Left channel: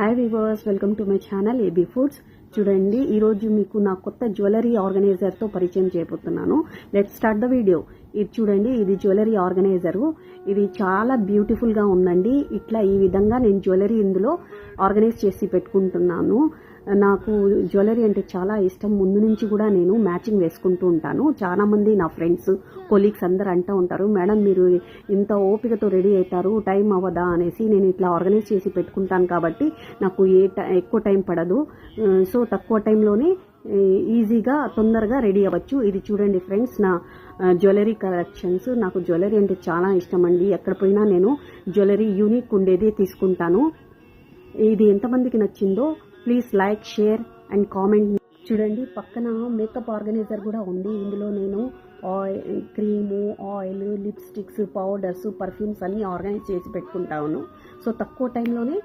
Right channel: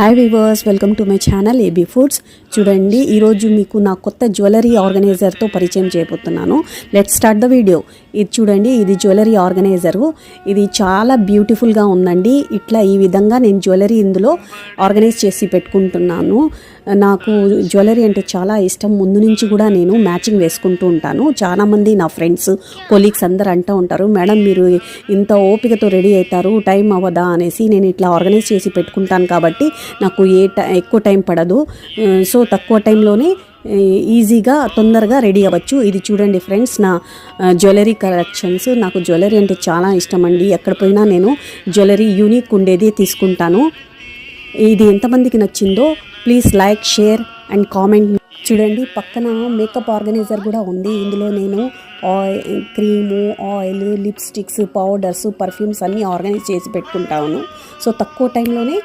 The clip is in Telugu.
Hi weavers, welcome to my channel AB foods. చూడండి, ఈరోజు మీకు నా కొత్త జ్యువెలరీ ఆర్గనైజర్తో పరిచయం చేయబోతున్నాను. Let's start the video. ఇది చూడండి, ఇది జ్యువెలరీ ఆర్గనైజరు. ఇది చాలా బ్యూటిఫుల్గా ఉందండి. ఇట్లా ఈ విధంగా నేను జ్యువెలరీ ఇందులో ఆర్గనైజ్ చేసి పెట్టుకుంటున్నాను. నాకు జ్యువెలరీ అంటే చాలా ఇష్టం. ముందు నుంచి కూడా నేను మ్యాచింగ్ వేసుకుంటూ ఉంటాను. చాలామంది నా ఫ్రెండ్స్, కొలీగ్స్ అందరూ అంటూ ఉంటారు, మేడం మీరు ఇంత ఓపికతో రెడీ అవుతారు, టైం అవ్వదా అనేసి. నేను ఇట్లా ఆర్గనైజ్ చేసి పెట్టుకుంటాను కాబట్టి నాకు ఎక్కువ టైం పడదు. సో తక్కువ టైంలోనే ఈజీగా తొందరగా రెడీ అవ్వచ్చు. ఇది చూడండి ఫ్రెండ్స్, నా జ్యువెలరీ కలెక్షన్స్. నాకు జ్యువెలరీ అంటే చాలా ఇష్టం అండి. ఎక్కడ పోయినా నేను జ్యువెలరీ యూనిక్ ఉండేది తీసుకుంటాను. ఇది ఎంతమందికి నచ్చిందో please like, share and comment. చూడండి, పక్కన మేకప్ ఆర్గనైజర్ కూడా ఉంది. ఇందులో నేను cream, oil, lipsticks, powders, perfumes అన్నీ ఆర్గనైజ్ చేసి పెట్టుకుంటాను. సో తక్కువ టైంలోనే